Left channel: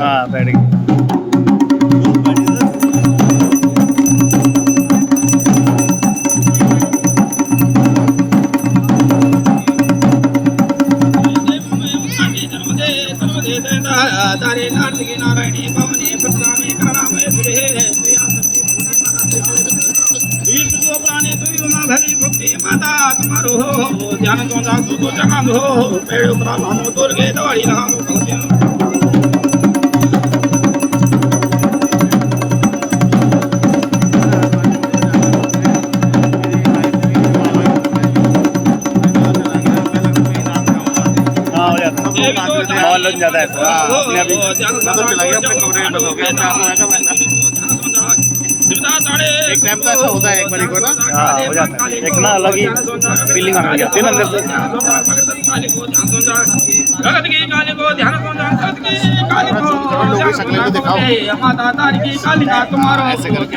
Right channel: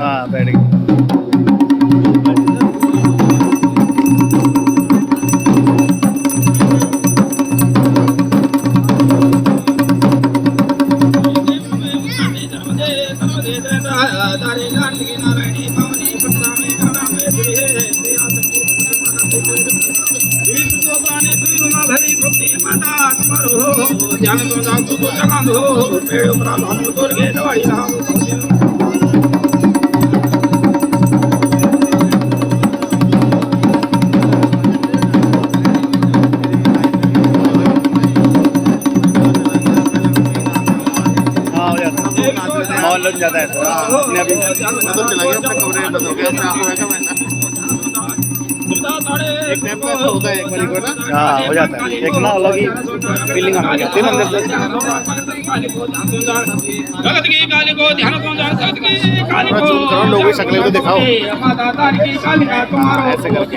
हाँ बैठ गई। माहौल लग जाता है सर अपने अभी। मैं तो चला गया अपने कमरे में, बंद हो गया अपने आप को। एक टाइम तो ऐसा होता है एक बारी को ना। हाँ हो जाता है, एक ना अलग ही फीलिंग आने लग जाती है ना अंदर से। लोगों की शक्ल को दिखाओ ऐसे करके।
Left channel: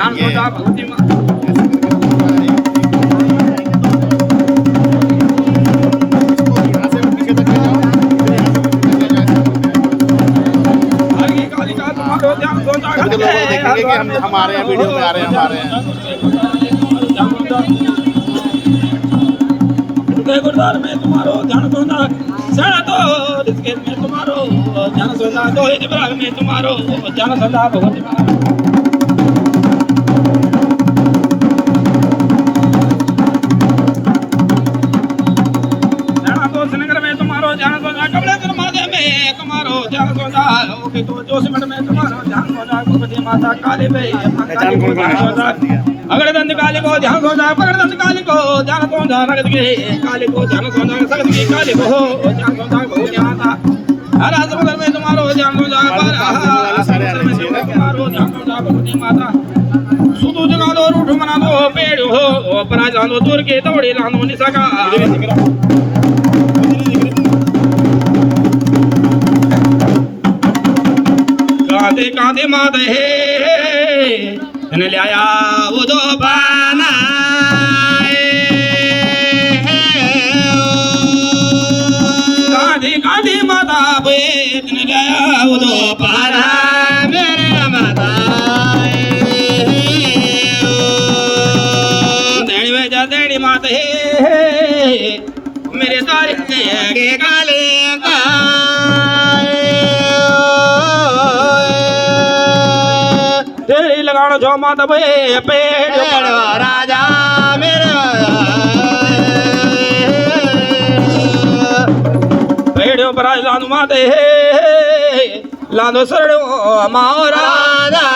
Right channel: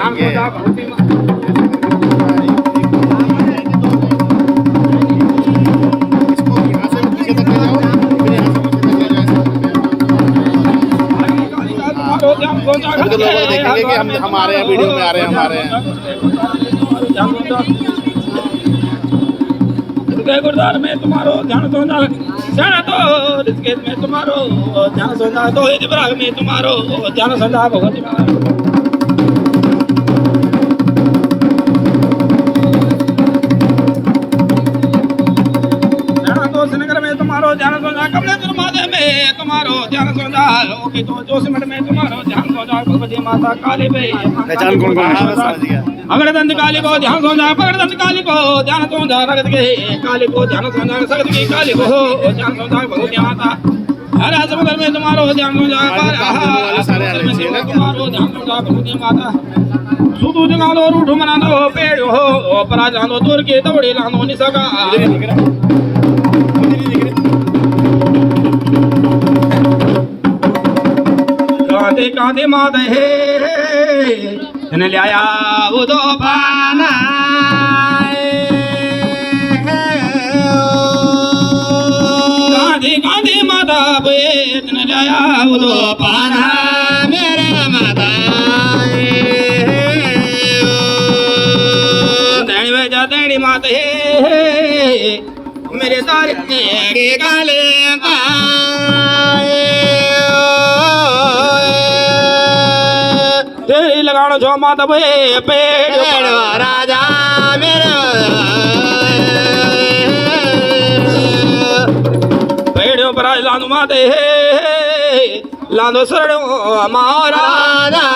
अभी तो लोग देखेंगे कि हम आ रहे हैं, वीडियो में आ रहे हैं, हम आ रहे हैं। गुरदार में तुम्हारो ध्यान सोचा सेना तो रिस्केत में तुम्हारो ध्यान सोचा तो ही दिवराग में तुम्हारो ध्यान सोचा भगवती सेना तो श्रीनगर में तुम्हारो ध्यान सोचा कमले दुर्मादे में तुम्हारो ध्यान सोचा लोकी तो जोशीमठ में तुम्हारो ध्यान सोचा भगवती माता काली पे पहचान कौन कौन है? अगड़दंत काली को ध्यान सोचा पगड़दंत काली को ध्यान सोचा रगत के काली को ध्यान सोचा सगत की काली को ध्यान सोचा भगवती माता हर समुद्र में तुम्हारो ध्यान सोचा पर तुम्हारो ध्यान सोचा भगवती माता सुदू जगा दो रूठ मना दो पेड़ हो परा जानो दूर के दौड़े लानो निसका कांदे कांदे माता हे ने लिया उदो पाना गांधी गांधी माता बेत ने लिया उदो पाना मेरे माता देनी बेजा देनी माता मेरे सारे के गाले जो माता भे पेड़ राजा मेरे पेड़ पर लादो माते लादो सरड़ो महाराजा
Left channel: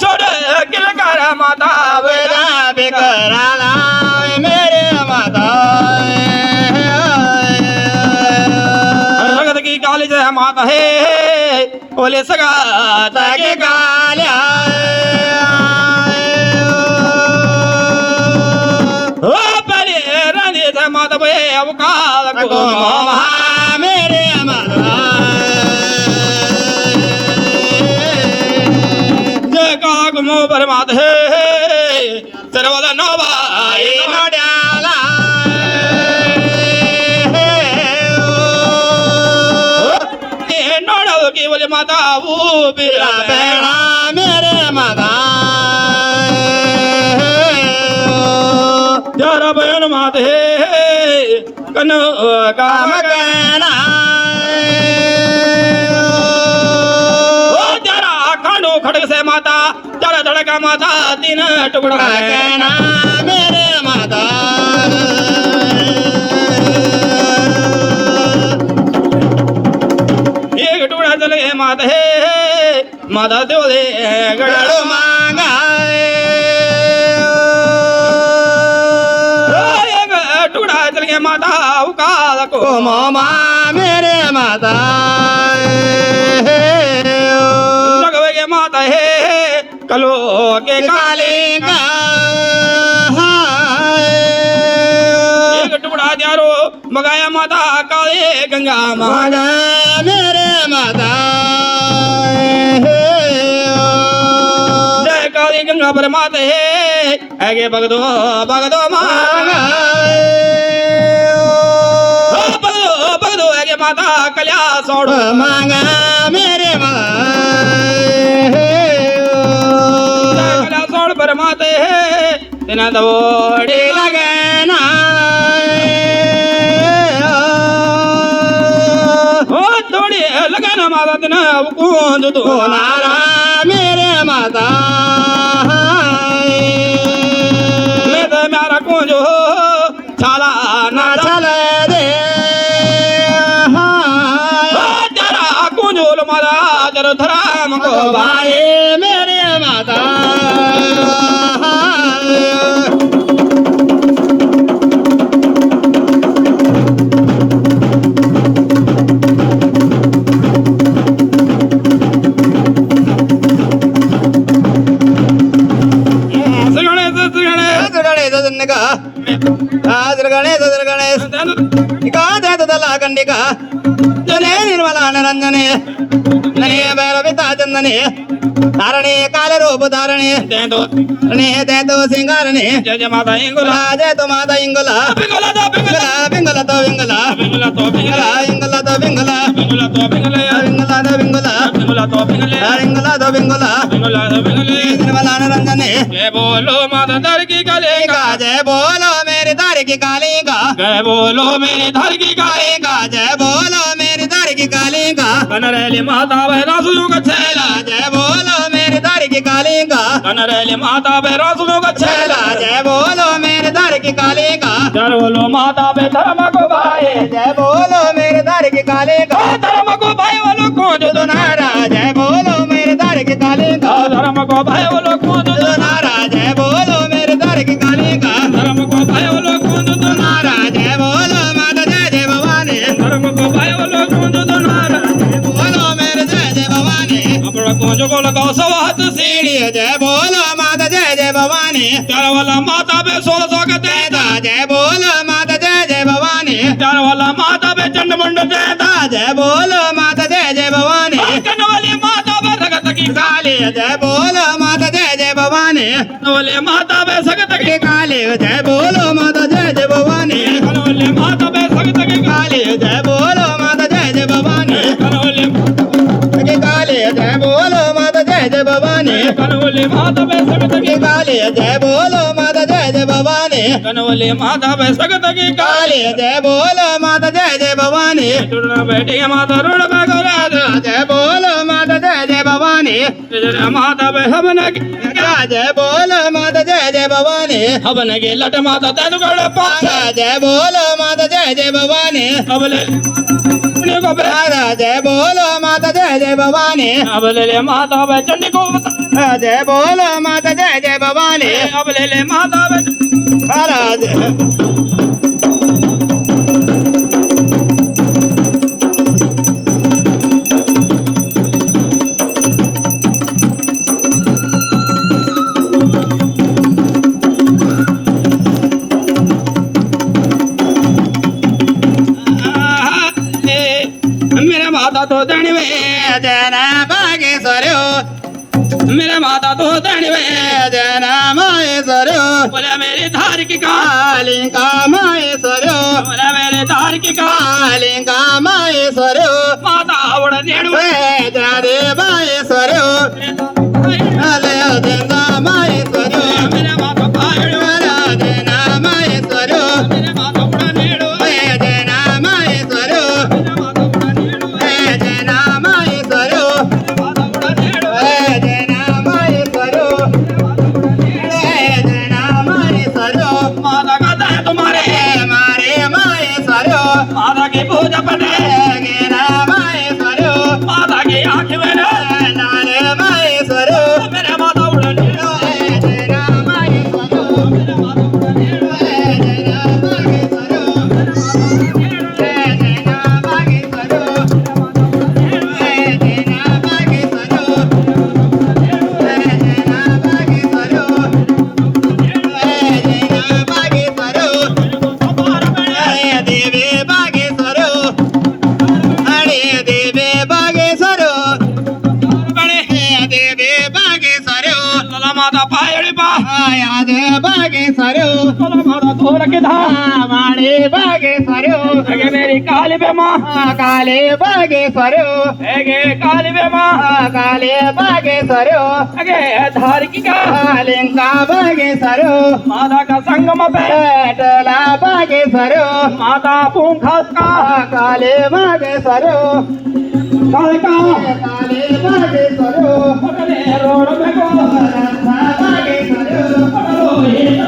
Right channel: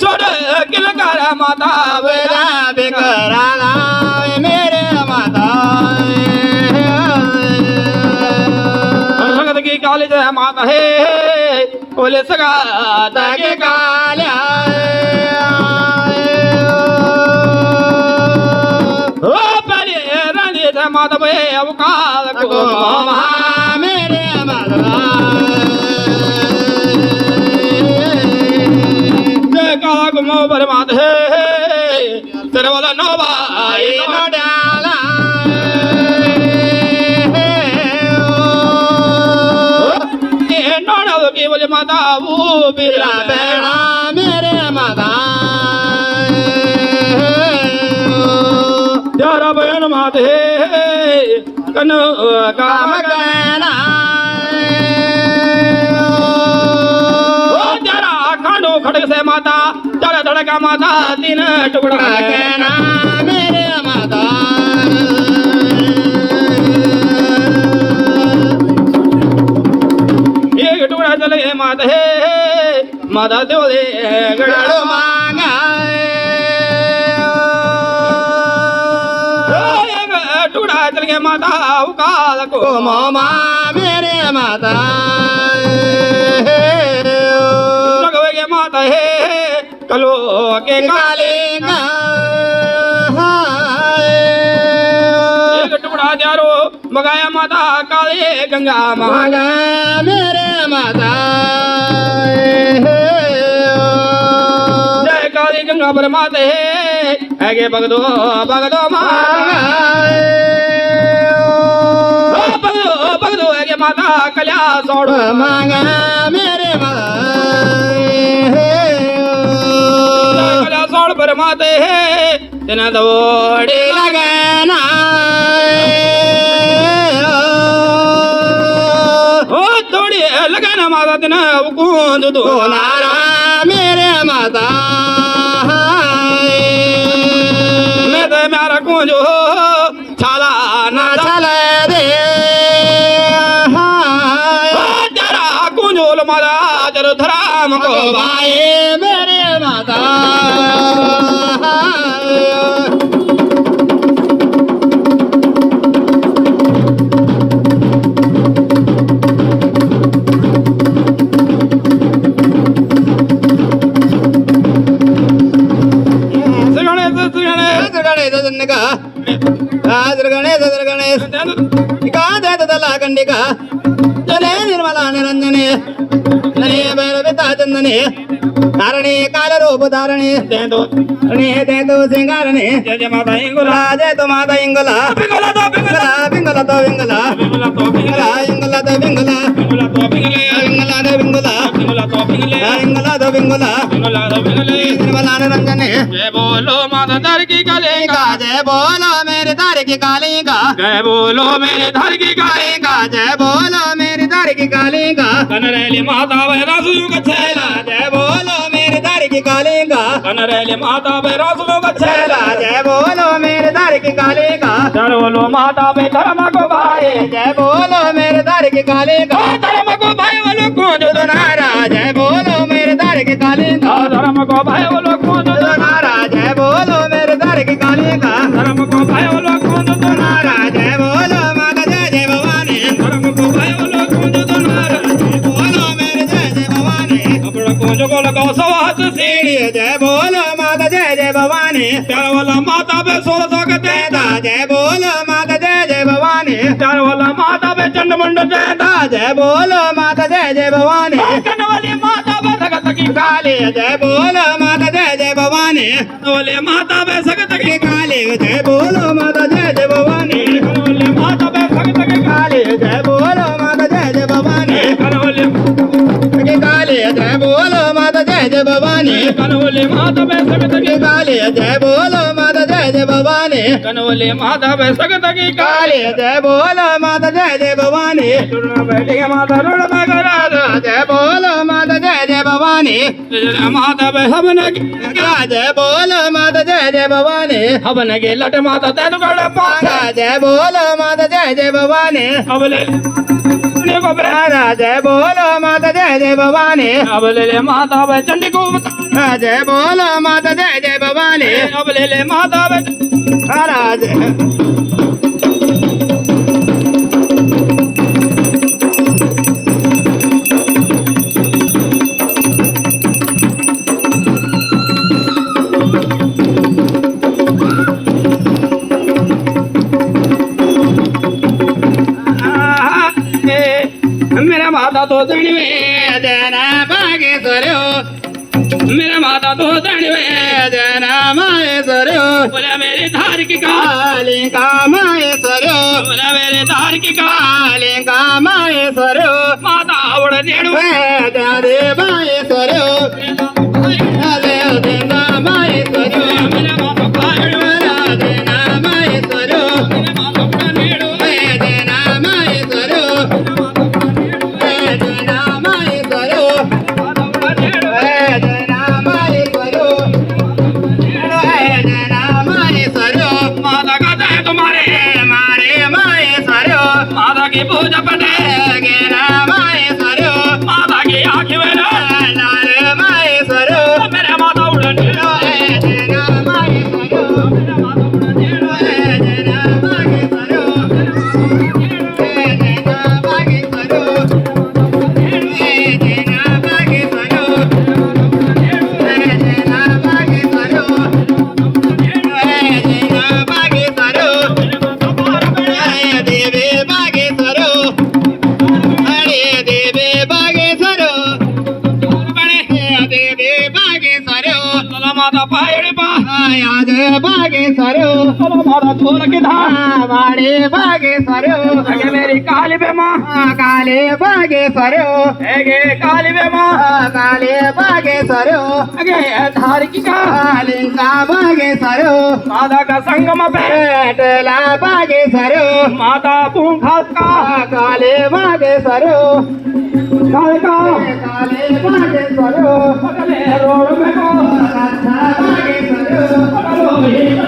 छोड़ किलकार माता बेरा बेकराना मेरे माता लगत की काली जय माता है बोले सगा ताके काल्या ओ परे रानी दा माता बे अवकाल को मेरे माता जय का गुमो पर माता है सरवला नोबा नो डाला ये नोडो के बोले माता वो बिरा बेड़ा मेरे माता जरा बहन माते कन काम कहना जरा खानो खड़क से माता जरा धड़का माता तीन टुकड़ा कहना मेरे माता एक टुकड़ा चले माता है माता देवले गड़ो मांगा एक टुकड़ा चल गया माता काल को मामा मेरे माता लगवे माता है कलो के काले का एक टुकड़ा जारो मगाया माता काले गंगा माँ मागा मेरे माता जय काली गंगा परमाते है आगे भगदो माँ भगदो आगे माता कल्या सोड़ो मांगा मेरे कल्या सोड़ परमाते है तेना दौड़े लगाना हो दौड़े लगाना माता तेना कूद दो नारा मेरे माता मैं तो मेरा कूंजो छाला ना चला दे तेरा कूंजो मारा तेरा धराम को भाई मेरे माता धारणे काल रूप धारणे दे तो सिंगारणे जय जय माता इंगुला जय तो माता इंगला पिंगला तो पिंगला पिंगला तो विंगला पिंगला तो पिंगला इंगला तो विंगला पिंगला तो पिंगला इंगला तो विंगला पिंगला तो पिंगला इंगला तो विंगला पिंगला तो पिंगला निर्मला रंजने जय बोलो माता दर की कलेगा जय बोलो मेरे दार की काली का जय बोलो मेरे धर की कलेगा जय बोलो मेरे दार की काली का कनरेली माता भैरा सुनु गच्छेला जय बोलो मेरे दार की काली का कनरेली माता भैरा सुनु गच्छेला जय बोलो मेरे दार की काली का जय बोलो माता भै धर्म को भाई जय बोलो मेरे दार की काली का धर्म को भाई वालों को जो नारा जय बोलो मेरे दार की काली का धर्म को भाई वालों को जो नारा जय बोलो मेरे दार की काली का धर्म को भाई वालों को जो नारा जय बोलो माता जय जय भवानी धर्म को भाई वालों को जो नारा बोलो मेरे जय जय भवानी अपना को जो को लगाओ सवात सीढ़ी जय बोलो माता जय जय भवानी प्यार वाला माता पे 1600 के देता जय बोलो माता जय जय भवानी प्यार वाला माता पे चंडमुंड देता जय बोलो माता जय जय भवानी कन वाली माता पे भगत की काली जय बोलो माता जय जय भवानी वाली माता पे भगत की काली जय बोलो माता जय जय भवानी वाली माता पे भगत की काली जय बोलो माता जय जय भवानी वाली काली जय बोलो माता जय जय भवानी वाली माता पे भगत की काली जय बोलो माता जय जय भवानी वाली माता पे भगत की काली जय बोलो माता जय जय भवानी टुरना बैठी माता रोड पे करा जय बोलो माता जय जय भवानी माता पे हवन जय बोलो माता जय जय भवानी हवन के लट माता तेन कर पाछा जय बोलो माता जय जय भवानी अब ले ने को राधा जय बोलो माता जय जय भवानी अब ले माता पे चंडी को जय बोलो माता जय जय भवानी अब ले माता पे महाराज मेरा माता तो दणी में जना बागेश्वर्यो मेरा माता तो दणी में जना माहेश्वर्यो बोला मेरी धार की कालिका माहेश्वर्यो बोला मेरे धार की कालिका माहेश्वर्यो माता उड़ नेड़ू जादे माहेश्वर्यो अले देना माहेश्वर्यो मेरा माता पायड़ू देना माहेश्वर्यो मेरा माता उड़ नेड़ू देना माहेश्वर्यो देना माहेश्वर्यो देना माहेश्वर्यो देना माहेश्वर्यो माता का दया तुम्हारे मारे माहेश्वर्यो माता की पूजा पटे गेना माहेश्वर्यो माता की आँख में लाल माहेश्वर्यो मेरा माता उड़ नेड़ू देना माहेश्वर्यो देना माहेश्वर्यो थोर के धाम बाणे बागे सरो अगे मेरी काली बेमा काले बागे सरो अगे काली बेमा काले बागे सरो अगे धार की का लिंगा बागे सरो माता का संगम पे पेटला बागे सरो माता पूंखस का काले बागे सरो कालका काले बागे सरो पटले रोड में को राधा बागे सरो पटलो ही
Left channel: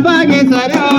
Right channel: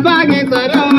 बागे सरो